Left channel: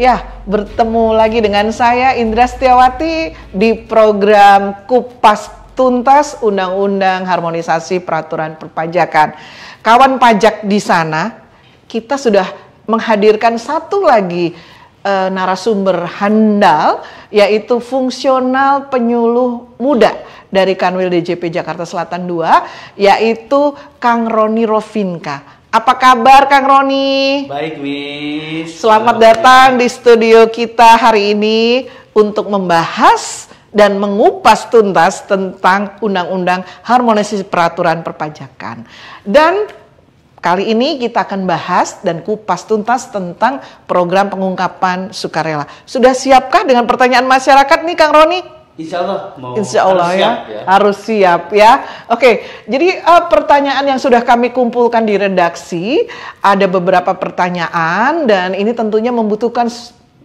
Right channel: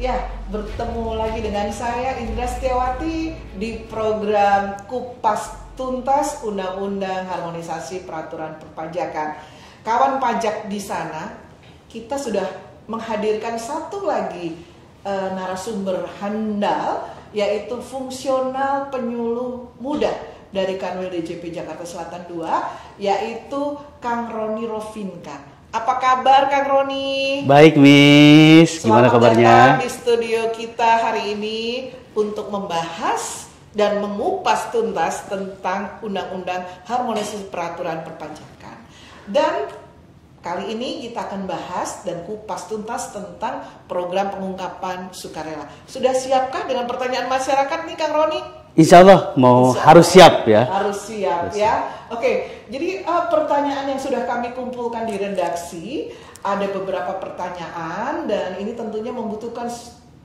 Ya, bertemu lagi dengan saya Indra Setiawati di program Kupas Tuntas Undang-Undang Harmonisasi Peraturan Perpajakan. Kawan pajak di sana, kita sudah menghadirkan satu lagi narasumber handal, yaitu fungsional penyuluh muda dari Kanwil DJP Jakarta Selatan 2, yaitu Kang Roni Rovinka. Apa kabar Kang Roni? Baik, Miss. Selamat datang di studio kita hari ini untuk membahas dan mengupas tuntas tentang Undang-Undang Harmonisasi Peraturan Perpajakan. Dan kali ini kita akan bahas dan kupas tuntas tentang program pengungkapan sukarela. Sudah siapkah dengan pertanyaan masyarakat nih Kang Roni? Insya Allah harus siap ya. Harus siap ya. Oke, jadi pertanyaan yang sudah kami kumpulkan di redaksi, ada beberapa pertanyaan dan ini tentunya membutuhkan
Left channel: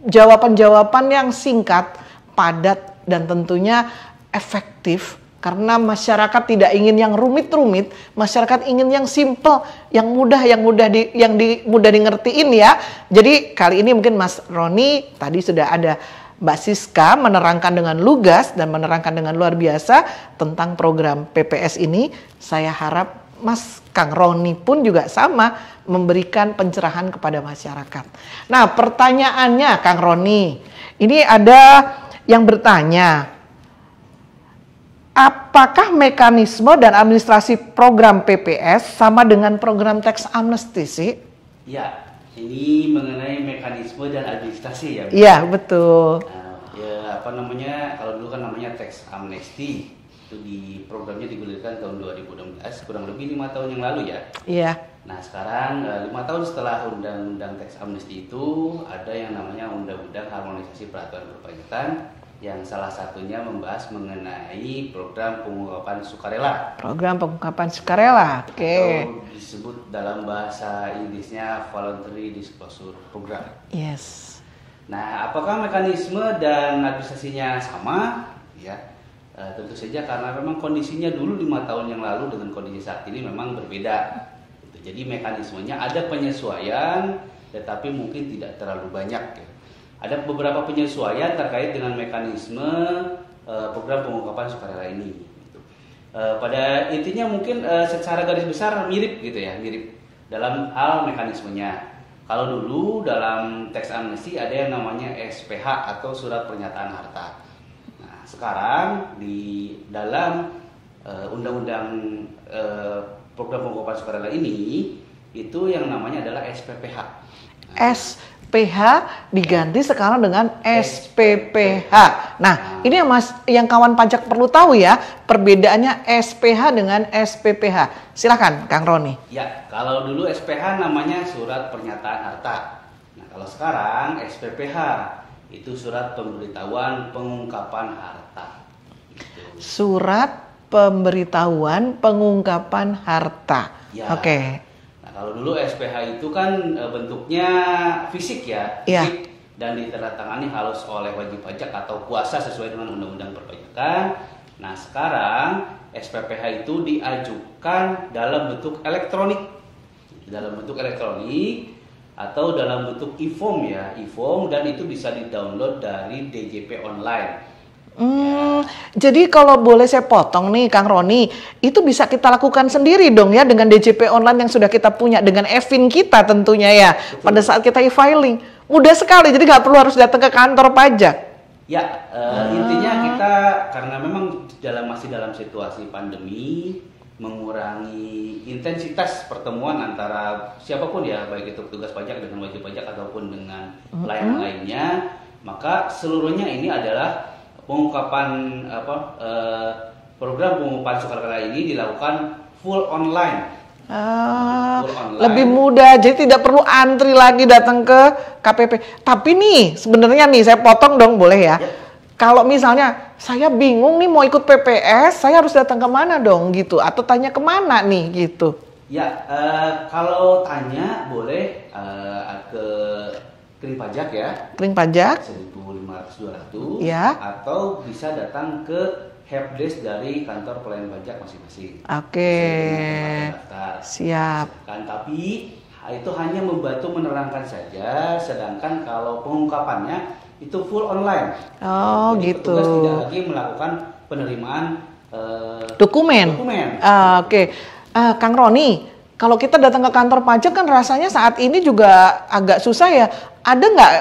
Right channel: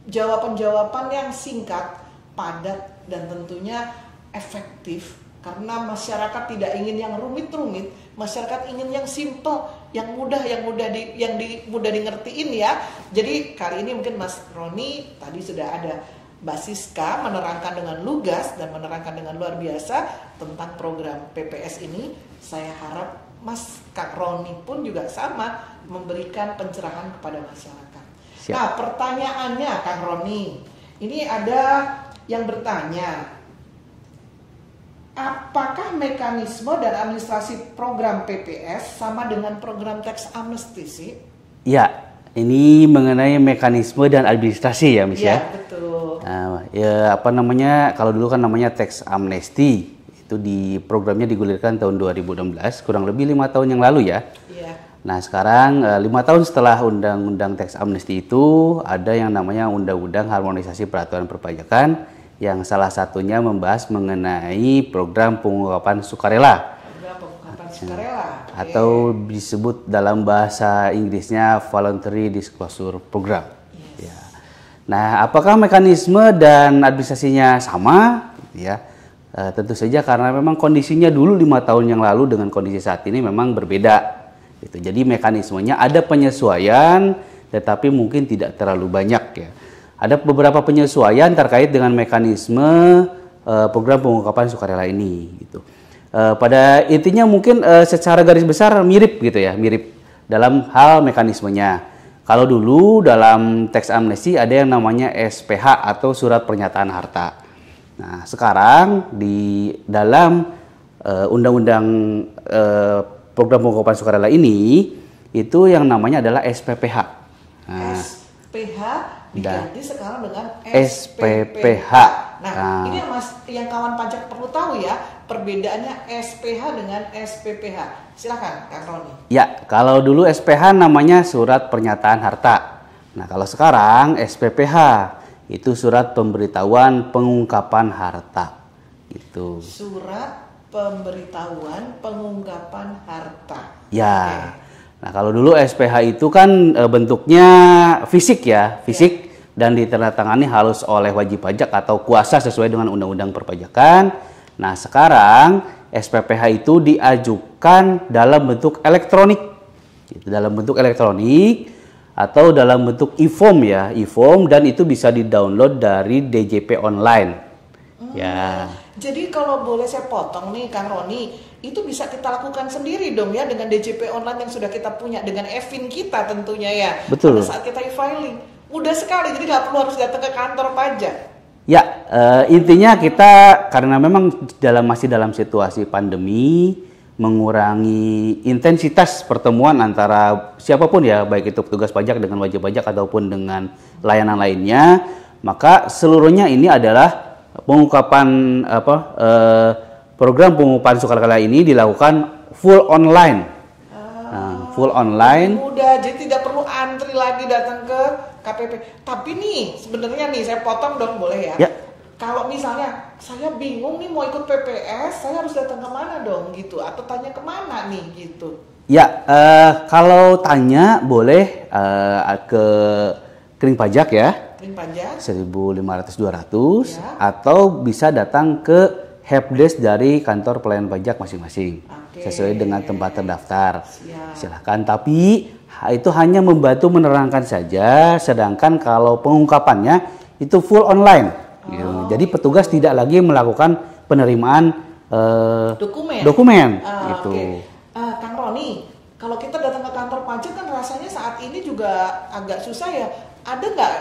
jawaban-jawaban yang singkat, padat dan tentunya efektif. Karena masyarakat tidak ingin yang rumit-rumit, masyarakat ingin yang simple, yang mudah dingertiin ya. Jadi kali ini mungkin Mas Roni tadi sudah ada Mbak Siska menerangkan dengan lugas dan menerangkan dengan luar biasa tentang program PPS ini. Saya harap Mas Kang Roni pun juga sama memberikan pencerahan kepada masyarakat. Siap. Nah, pertanyaannya Kang Roni, ini ada yang bertanya, apakah mekanisme dan administrasi program PPS sama dengan program tax amnesty sih? Ya. Ini mengenai mekanisme dan administrasi ya, Miss. Iya, betul. Nah, ya kalau dulu kan namanya tax amnesty. Itu programnya digulirkan tahun 2016, kurang lebih 5 tahun yang lalu ya. Iya. Nah, sekarang 5 tahun setelah undang-undang tax amnesty itu ada yang namanya Undang-Undang Harmonisasi Peraturan Perpajakan yang salah satunya membahas mengenai program pengungkapan sukarela. Program pengungkapan sukarela. Atau disebut dalam bahasa Inggrisnya Voluntary Disclosure Program. Yes. Ya. Nah, apakah mekanisme dan administrasinya sama? Ya, tentu saja karena memang kondisinya dulu 5 tahun yang lalu dengan kondisi saat ini memang berbeda. Gitu. Jadi mekanismenya ada penyesuaian, tetapi mungkin tidak terlalu banyak ya. Ada beberapa penyesuaian terkait dengan mekanisme program pengungkapan sukarela ini. Gitu. Pada intinya mungkin secara garis besar mirip gitu ya, mirip dalam hal mekanismenya. Kalau dulu dalam tax amnesty ada yang namanya SPH atau surat pernyataan harta. Nah, sekarang di dalam undang-undang program pengungkapan sukarela ini itu yang namanya adalah SPPH. Nah, SPH diganti sekarang dengan SPPH. Nah, ini yang kawan pajak perlu tahu ya, perbedaannya SPH dengan SPPH. Silakan Kang Roni. Ya, kalau dulu SPH namanya surat pernyataan harta. Nah, kalau sekarang SPPH itu surat pemberitahuan pengungkapan harta. Itu. Surat pemberitahuan pengungkapan harta. Ya. Oke. Nah, kalau dulu SPH itu kan bentuknya fisik ya, fisik dan ditandatangani harus oleh wajib pajak atau kuasa sesuai dengan Undang-Undang Perpajakan. Nah, sekarang SPPH itu diajukan dalam bentuk elektronik. Dalam bentuk elektronik atau dalam bentuk e-form ya, e-form dan itu bisa di-download dari DJP online. Ya. Jadi kalau boleh saya potong nih Kang Roni, itu bisa kita lakukan sendiri dong ya dengan DJP online yang sudah kita punya, dengan e-fin kita tentunya ya. Betul. Pada saat kita e-filing, mudah sekali, jadi nggak perlu harus datang ke kantor pajak. Ya, intinya kita karena memang masih dalam situasi pandemi, mengurangi intensitas pertemuan antara siapapun ya, baik itu petugas pajak dengan wajib pajak ataupun dengan layanan lainnya, maka seluruhnya ini adalah pengungkapan program pengungkapan sukarela ini dilakukan full online. Full online. Lebih mudah, jadi tidak perlu antri lagi datang ke KPP. Tapi nih, sebenarnya nih saya potong dong, boleh ya? Kalau misalnya saya bingung nih mau ikut PPS, saya harus datang ke mana dong gitu? Atau tanya kemana nih gitu? Ya, kalau tanya boleh ke Kering Pajak ya. Kering Pajak 1.500-200 ya. Atau bisa datang ke helpdesk dari kantor pelayanan pajak masing-masing. Oke. Sesuai dengan tempat terdaftar. Siap. Silakan, tapi itu hanya membantu menerangkan saja, sedangkan kalau pengungkapannya itu full online. Oh, Jadi gitu. petugas tidak lagi melakukan penerimaan Dokumen. dokumen. Gitu. Oke. Kang Roni, kalau kita datang ke kantor pajak kan rasanya saat ini juga agak susah ya. Ada nggak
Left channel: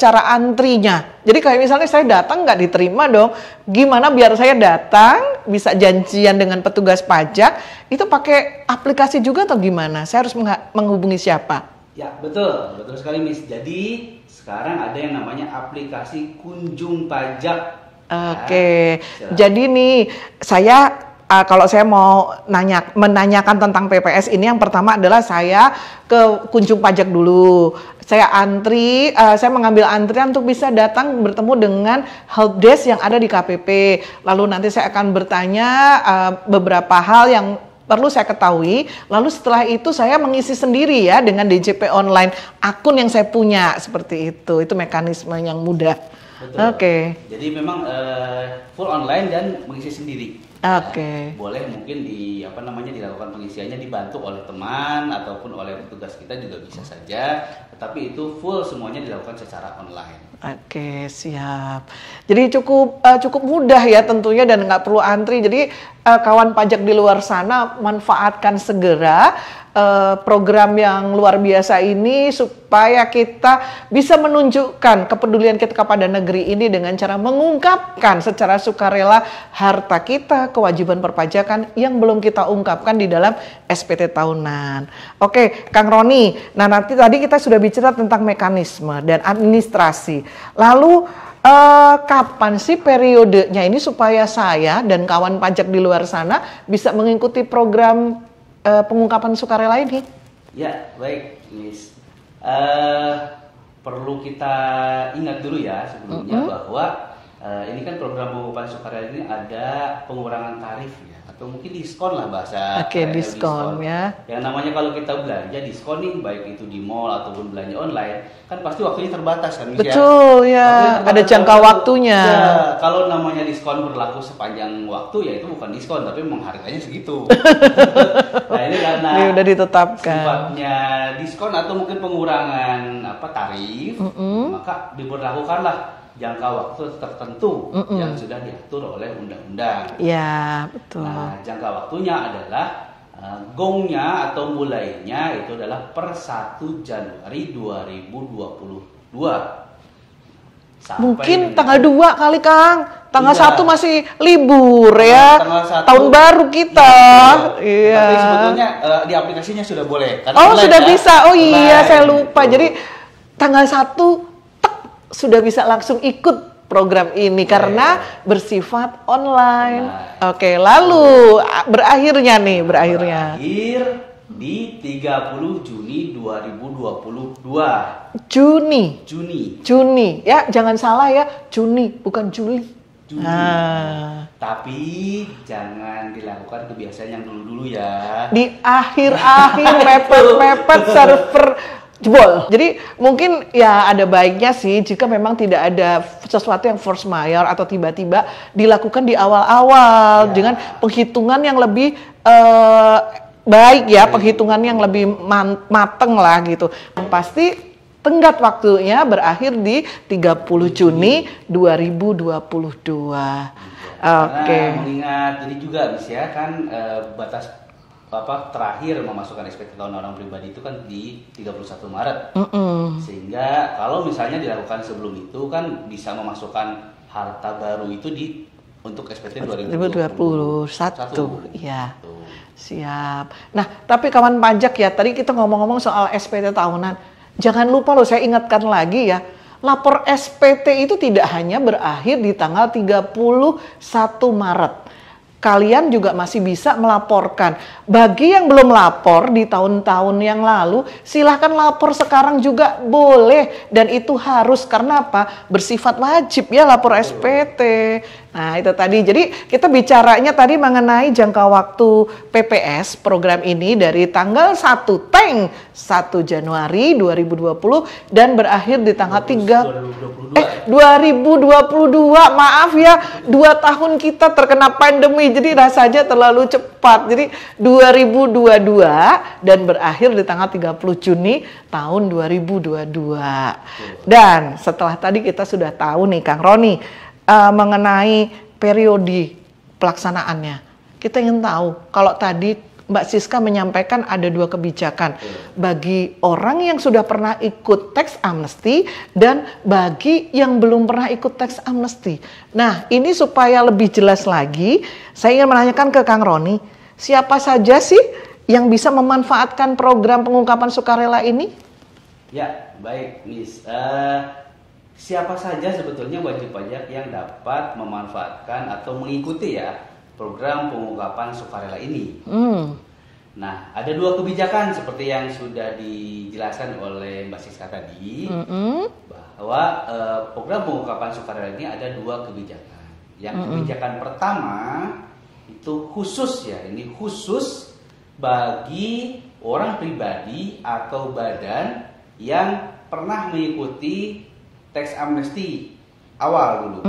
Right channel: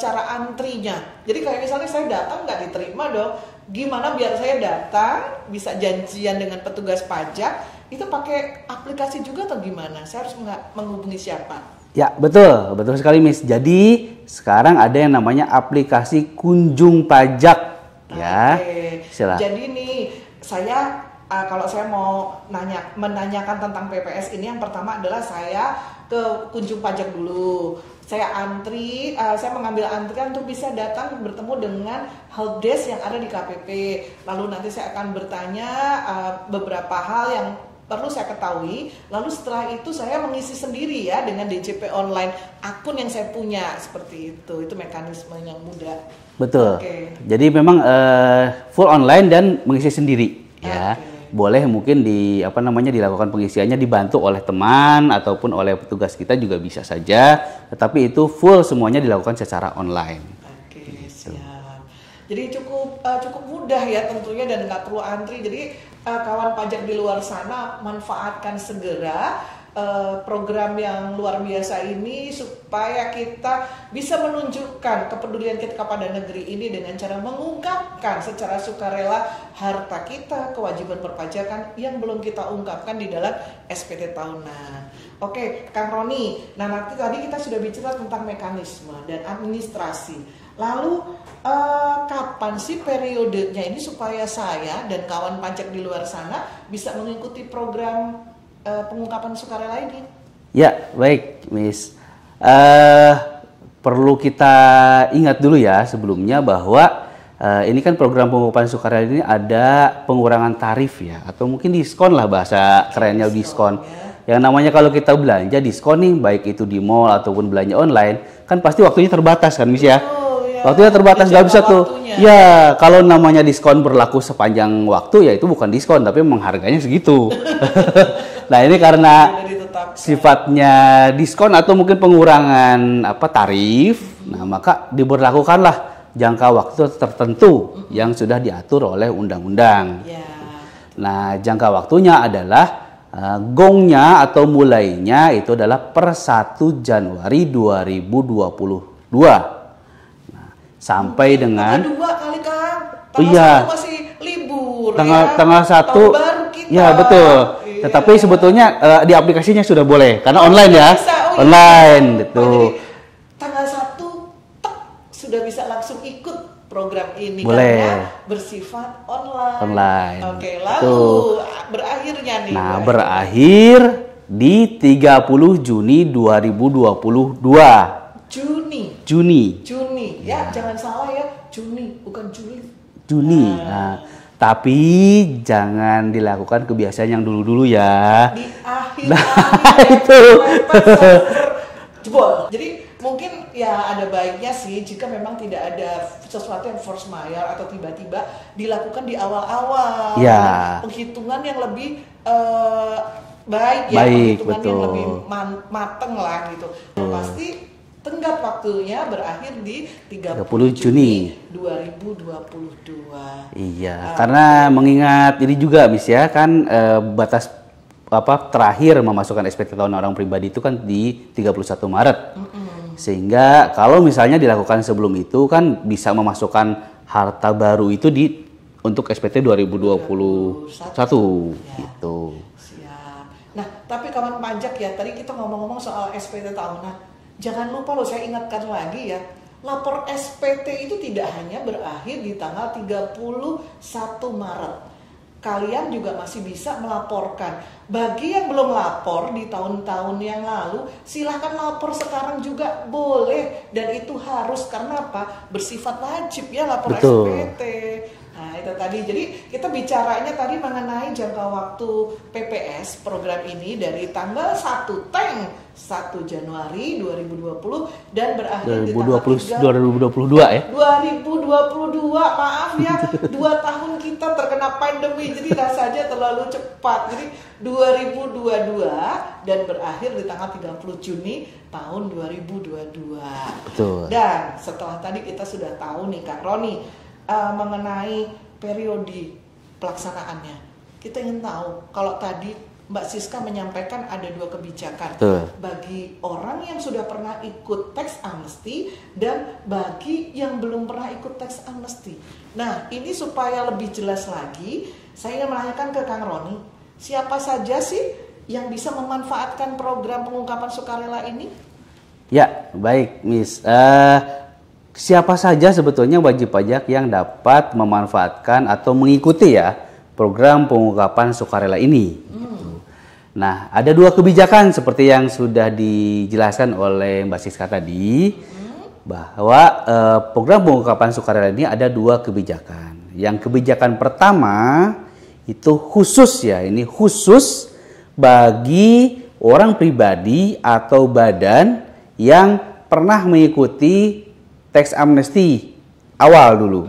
cara antrinya? Jadi kayak misalnya saya datang nggak diterima dong. Gimana biar saya datang bisa janjian dengan petugas pajak? Itu pakai aplikasi juga atau gimana? Saya harus menghubungi siapa? Ya, betul sekali, Miss. Jadi sekarang ada yang namanya aplikasi Kunjung Pajak. Ya, Oke. silakan. Jadi nih saya kalau saya mau menanyakan tentang PPS ini, yang pertama adalah saya ke Kunjung Pajak dulu. Saya antri, saya mengambil antrian untuk bisa datang bertemu dengan helpdesk yang ada di KPP. Lalu nanti saya akan bertanya beberapa hal yang perlu saya ketahui. Lalu setelah itu saya mengisi sendiri ya dengan DJP online, akun yang saya punya, seperti itu. Itu mekanisme yang mudah. Betul. Oke. Jadi memang full online dan mengisi sendiri. Ya. Oke. Boleh mungkin dilakukan pengisiannya dibantu oleh teman ataupun oleh petugas kita juga bisa saja. Tetapi itu full semuanya dilakukan secara online. Oke, siap. Jadi cukup mudah ya tentunya dan nggak perlu antri. Jadi kawan pajak di luar sana manfaatkan segera program yang luar biasa ini supaya kita bisa menunjukkan kepedulian kita kepada negeri ini dengan cara mengungkapkan secara sukarela harta kita, kewajiban perpajakan yang belum kita ungkapkan di dalam SPT tahunan. Oke, Kang Roni. Nah, nanti tadi kita sudah bicara tentang mekanisme dan administrasi. Lalu kapan sih periodenya ini supaya saya dan kawan pajak di luar sana bisa mengikuti program pengungkapan sukarela ini? Ya, baik, Miss. Perlu kita ingat dulu ya sebelumnya bahwa ini kan program pengungkapan sukarela ini ada pengurangan tarif ya, atau mungkin diskon lah bahasa kerennya, diskon. Ya. Yang namanya kalau kita belanja diskon nih, baik itu di mall ataupun belanja online, kan pasti waktunya terbatas kan, Miss. Betul, ya. Waktunya terbatas, ada jangka waktunya. Ya, kalau namanya diskon berlaku sepanjang waktu ya itu bukan diskon, tapi memang harganya segitu. Nah, ini karena udah ditetapkan. Sifatnya diskon atau mungkin pengurangan tarif, nah, maka diberlakukanlah jangka waktu tertentu yang sudah diatur oleh undang-undang. Ya, betul. Nah, jangka waktunya adalah gongnya atau mulainya itu adalah per 1 Januari 2022. Nah, sampai mungkin dengan tanggal 2 kali, Kang. Tanggal Iya. 1 masih libur ya. Tanggal 1 tahun baru kita. Ya, betul. Iya. Tetapi sebetulnya di aplikasinya sudah boleh karena online sudah ya. bisa. Oh online, iya, saya lupa. gitu. Jadi tanggal 1 sudah bisa langsung ikut program ini Boleh. karena bersifat online. Oke, lalu berakhirnya nih, Nah, berakhirnya. berakhir di 30 Juni 2022. Juni. Ya, jangan salah ya, Juni bukan Juli. Juni. Nah, tapi jangan dilakukan kebiasaan yang dulu-dulu ya. Di akhir-akhir mepet server jebol. Jadi mungkin ya ada baiknya sih jika memang tidak ada sesuatu yang force majeure atau tiba-tiba dilakukan di awal-awal Ya. dengan penghitungan yang lebih baik ya, Baik, penghitungan yang betul. lebih mateng lah gitu. Pasti tenggat waktunya berakhir di 30 Juni 2022. Iya, Oke. karena mengingat ini juga, Miss ya, kan batas terakhir memasukkan SPT tahunan orang pribadi itu kan di 31 Maret. Sehingga kalau misalnya dilakukan sebelum itu kan bisa memasukkan harta baru itu untuk SPT 2021. Ya. Gitu. Siap. Nah, tapi kawan pajak ya, tadi kita ngomong-ngomong soal SPT tahunan. Jangan lupa loh, saya ingatkan lagi ya. Lapor SPT itu tidak hanya berakhir di tanggal 31 Maret. Kalian juga masih bisa melaporkan. Bagi yang belum lapor di tahun-tahun yang lalu, silahkan lapor sekarang juga boleh. Dan itu harus, karena apa? Bersifat wajib ya lapor Betul. SPT. Nah, itu tadi. Jadi kita bicaranya tadi mengenai jangka waktu PPS program ini dari tanggal 1 Januari 2020 dan berakhir di tanggal 2022 ya. 2022, maaf ya, 2 tahun kita terkena pandemi. Jadi rasanya terlalu cepat. Jadi 2022 dan berakhir di tanggal 30 Juni tahun 2022. Betul. Dan setelah tadi kita sudah tahu nih Kang Roni mengenai periode pelaksanaannya. Kita ingin tahu, kalau tadi Mbak Siska menyampaikan ada 2 kebijakan. Bagi orang yang sudah pernah ikut tax amnesty dan bagi yang belum pernah ikut tax amnesty. Nah, ini supaya lebih jelas lagi, saya ingin menanyakan ke Kang Roni, siapa saja sih yang bisa memanfaatkan program pengungkapan sukarela ini? Ya, baik Miss. Siapa saja sebetulnya wajib pajak yang dapat memanfaatkan atau mengikuti ya program pengungkapan sukarela ini. Nah, ada 2 kebijakan seperti yang sudah dijelaskan oleh Mbak Siska tadi, bahwa program pengungkapan sukarela ini ada 2 kebijakan. Yang kebijakan pertama itu khusus ya, ini khusus bagi orang pribadi atau badan yang pernah mengikuti tax amnesty awal dulu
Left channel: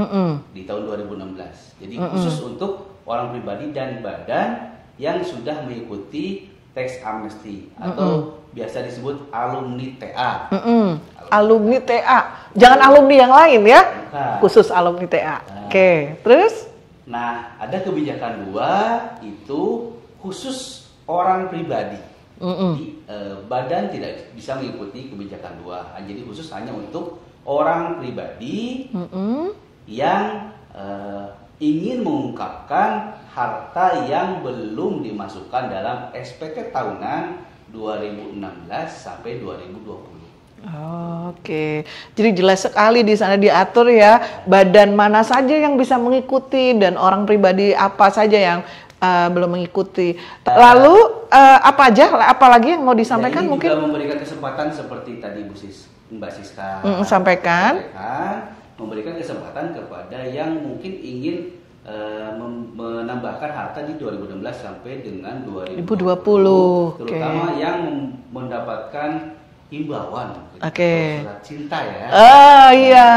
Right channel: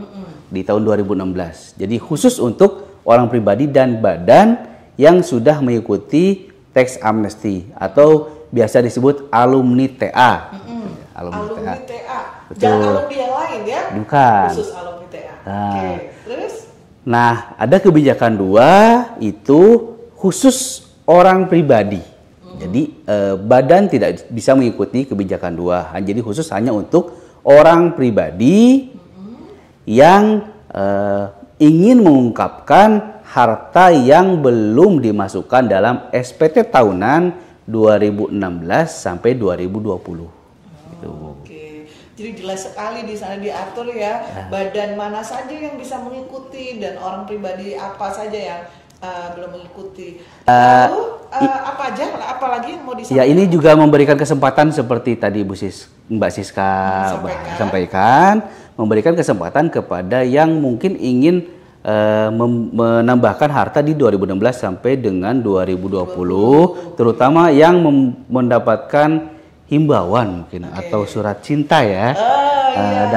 di tahun 2016. Jadi khusus untuk orang pribadi dan badan yang sudah mengikuti tax amnesty atau biasa disebut alumni TA. Alumni TA. Jangan alumni yang lain ya. Bukan. Khusus alumni TA. Oke, terus? Nah, ada kebijakan 2 itu khusus orang pribadi. Jadi badan tidak bisa mengikuti kebijakan 2. Jadi khusus hanya untuk orang pribadi yang ingin mengungkapkan harta yang belum dimasukkan dalam SPT tahunan 2016 sampai 2020. Oke, jadi jelas sekali di sana diatur ya, badan mana saja yang bisa mengikuti dan orang pribadi apa saja yang belum mengikuti. Lalu apa lagi yang mau disampaikan? Ya, ini juga memberikan kesempatan seperti tadi Mbak Siska sampaikan, memberikan kesempatan kepada yang mungkin ingin menambahkan harta di 2016 sampai dengan 2020, terutama yang mendapatkan himbauan mungkin atau surat cinta ya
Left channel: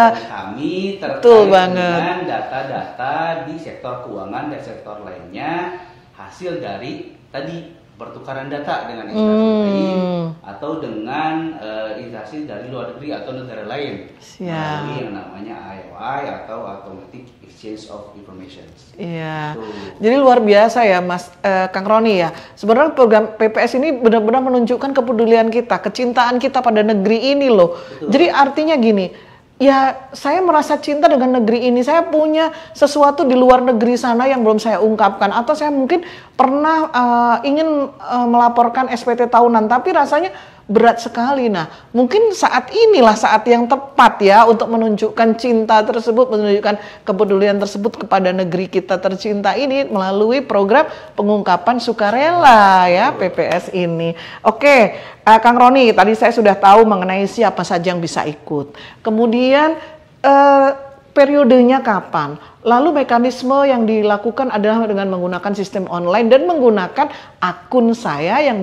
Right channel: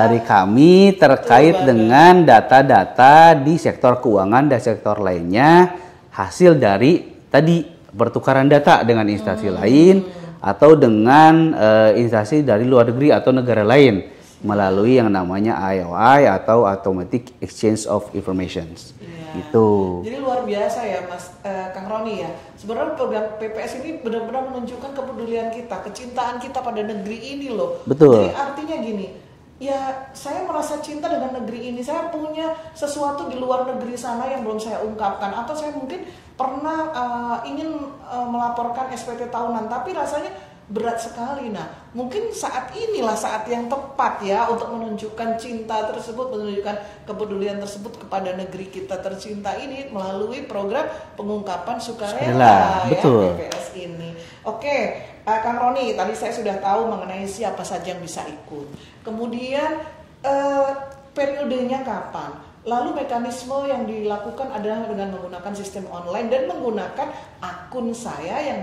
dari kami terkait dengan data-data di sektor keuangan dan sektor lainnya, hasil dari tadi pertukaran data dengan instansi lain atau dengan instansi dari luar negeri atau negara lain melalui yang namanya AOI atau Automatic Exchange of Information. Itu. Jadi luar biasa ya Mas Kang Roni ya. Sebenarnya program PPS ini benar-benar menunjukkan kepedulian kita, kecintaan kita pada negeri ini loh. Betul. Jadi artinya gini, ya saya merasa cinta dengan negeri ini. Saya punya sesuatu di luar negeri sana yang belum saya ungkapkan, atau saya mungkin pernah ingin melaporkan SPT tahunan tapi rasanya berat sekali. Nah, mungkin saat inilah saat yang tepat ya untuk menunjukkan cinta tersebut, menunjukkan kepedulian tersebut kepada negeri kita tercinta ini melalui program pengungkapan sukarela ya, PPS ini. Oke, Kang Roni, tadi saya sudah tahu mengenai siapa saja yang bisa ikut. Kemudian periodenya kapan? Lalu mekanisme yang dilakukan adalah dengan menggunakan sistem online dan menggunakan akun saya yang